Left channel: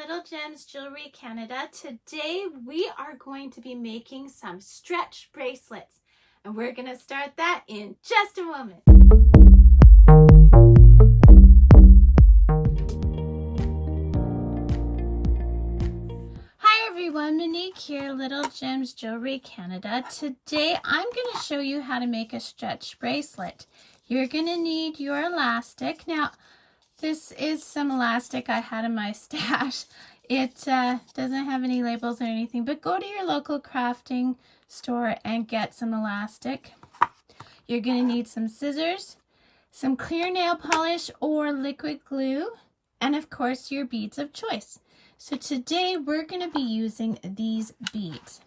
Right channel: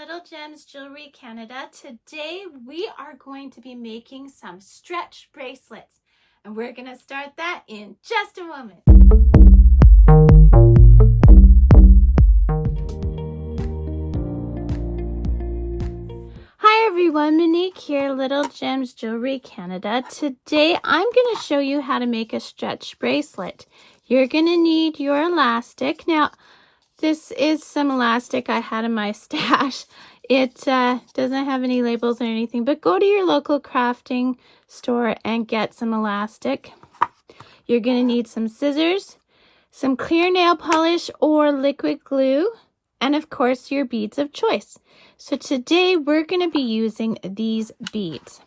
Little Gems Jewelry Canada. Today we are going to be making some stretch bracelets, and we're going to start that in just a moment. Hi everyone, Monique here, Little Gems Jewelry Canada. Today I'm going to show you how to make a stretch bracelet. You're going to need your elastic. Now, this is some elastic I had in my stash. It doesn't have any labels or anything, but go to your local crafting store and get some elastic. You're going to need some scissors, some clear nail polish or liquid glue, and of course your beads of choice. So today we're going to be using these beads.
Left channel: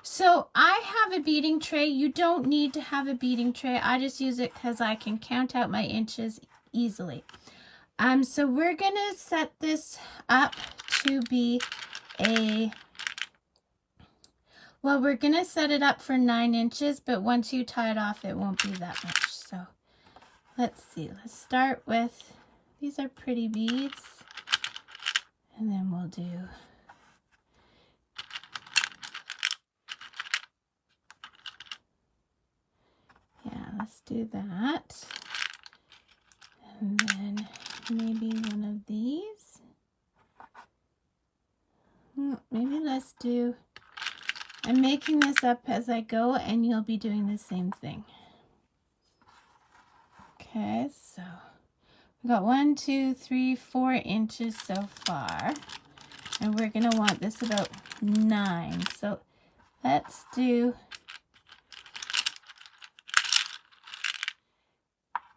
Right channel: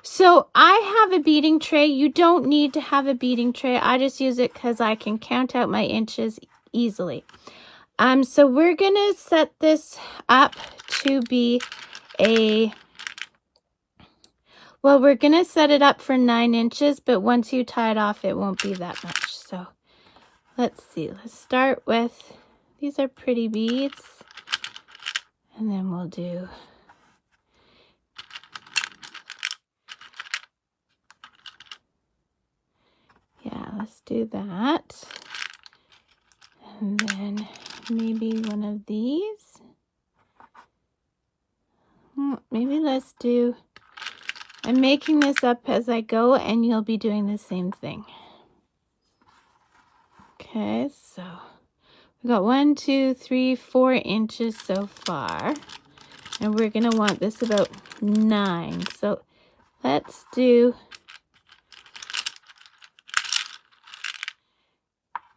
So I have a beading tray. You don't need to have a beading tray. I just use it because I can count out my inches easily. So we're gonna set this up to be we're gonna set it up for 9 inches, but once you tie it off, it won't be that much. So let's see, let's start with, these are pretty beads, and then we'll do let's do that. And then maybe one of these. Maybe let's do, I'm making this up as I go and you'll be doing the same thing. Okay, so we got 1, 2, 3, 4 inches so far. And we're gonna want this about 9. So let's do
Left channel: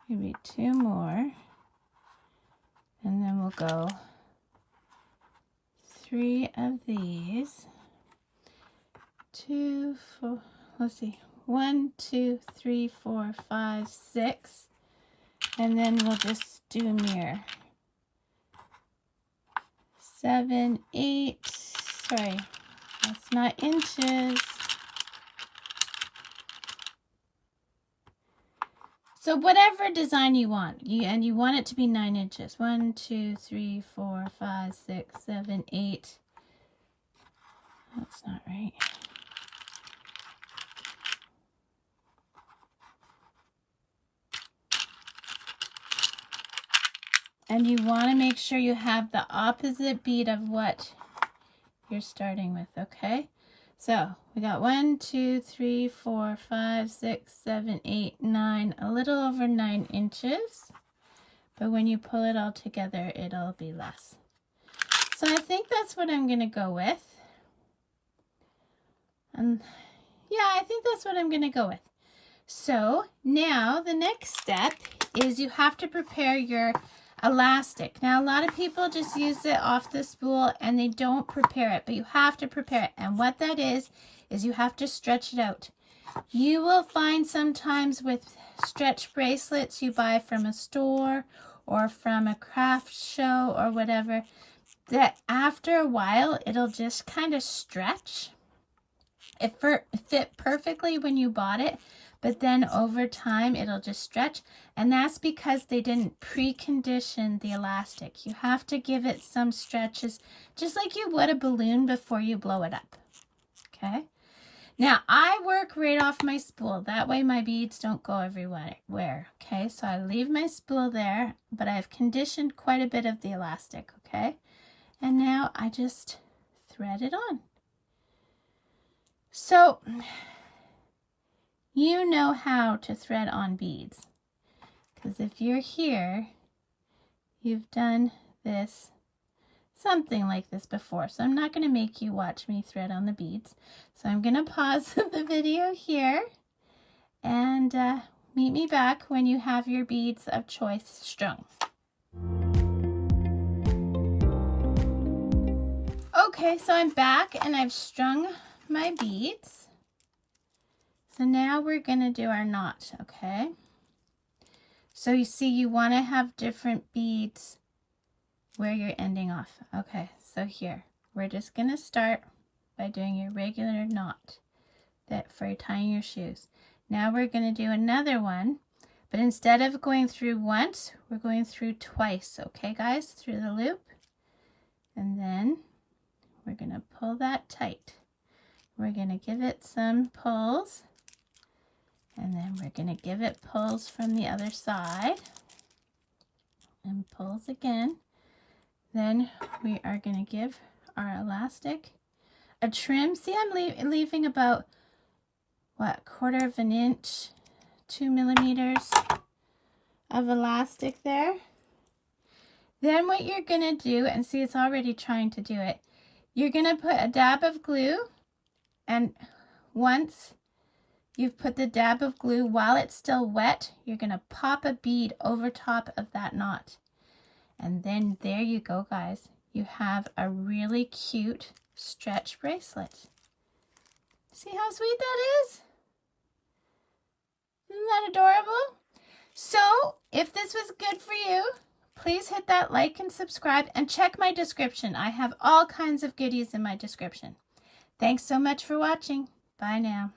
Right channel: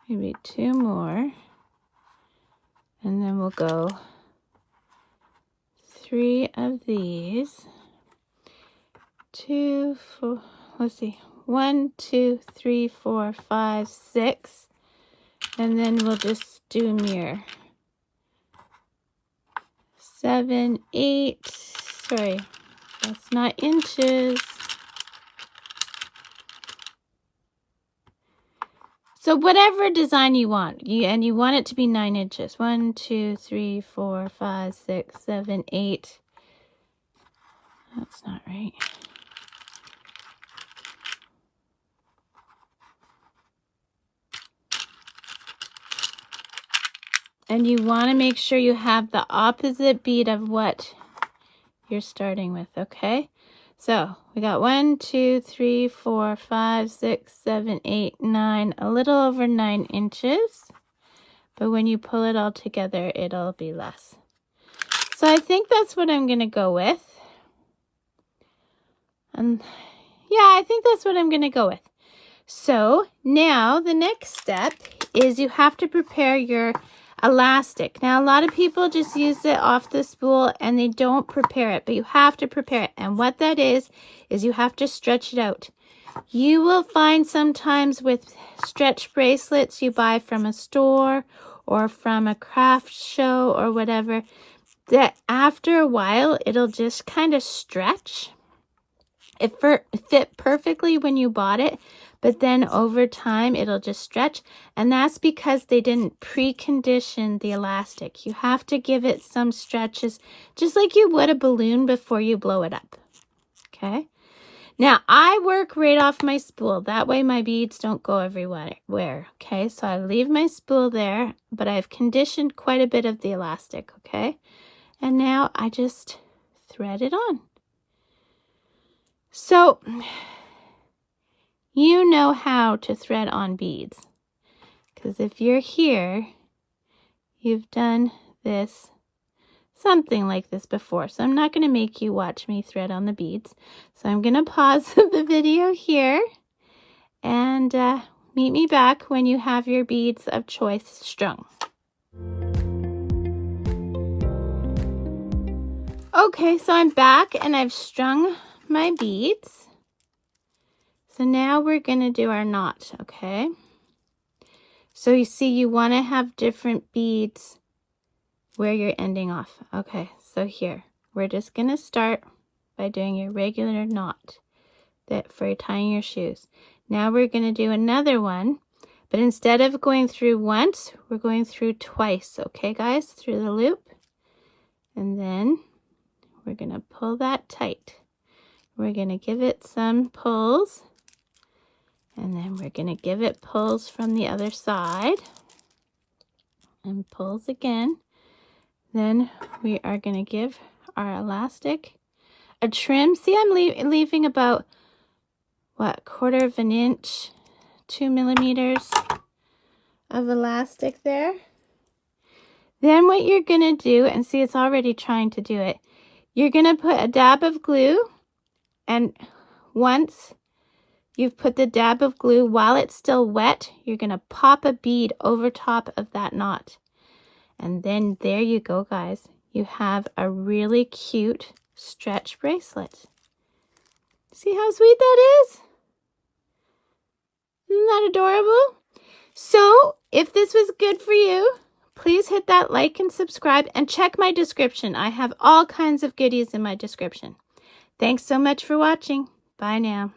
maybe 2 more, and then we'll go 3 of these, 2, 4, let's see, 1, 2, 3, 4, 5, 6, and then we'll just do mirror. 7, 8, sorry, that's not inches. So whatever design you want, and you want it to be 9 inches. 1, 2, 3, 4, 5, 6, 7, 8. That's not right. And you want to make sure you have the opposite bead of what you're starting with, okay? So we got 1, 2, 3, 4, 5, 6, 7, 8, 9, a little over 9 inches. But when you pull it all together, it'll be less. So I think that's what I'm going to go with. And yeah, I think that's what I'm going to go with. So now the next step is you have to prepare your elastic. Now a lot of people just use it off the spool and they don't prepare it, but you have to prepare it. And what that is you have to stretch it out. You will find sometimes with stretch bracelets you buy from a store or from a craft show or whatever, that after a while it'll just kind of stretch. It fit perfectly when you bought it, but then over time it'll just stretch, and that's because they didn't precondition the elastic. You have to give it some stretches, just like you would a balloon before you blow it up. Okay, now I work right off my spool, that way my beads don't go everywhere. Okay, so I leave my spool there, but I've conditioned quite a bit of the elastic. Okay, and now I just thread it on. So you know how to thread on beads, because if you're here, you've done this, something like this before. So I'm not going to make you watch me thread on the beads. So I'm going to pause the video here and meet me back when you have your beads of choice strung. Okay, so I'm back and I've strung my beads. So now we're going to do our knot, okay? So you see you want to have different beads where you're ending off. Okay, so here, we're just going to start by doing your regular knot that for tying your shoes. Now we're going to do another one, but instead of going through once, we're going through twice, okay guys? Through the loop. And then we're going to pull that tight. We're going to give it some pulls. And then we're going to give it pulls from the other side. And pulls again. Then we are going to give our elastic a trim. See, I'm leaving about, what, 1/4 of an inch, 2 millimeters of elastic there. Then what you're going to do, and see, it's already trying to do it. You're going to put a dab of glue, and once you've put the dab of glue, while it's still wet, you're going to pop a bead over top of that knot. And then there you go, guys. You have a really cute stretch bracelet. See how sweet that is? Isn't that adorable? So, if this was good for you, please hit that like and subscribe and check my description. I have all kinds of goodies in my description. Thanks so much for watching. Bye now.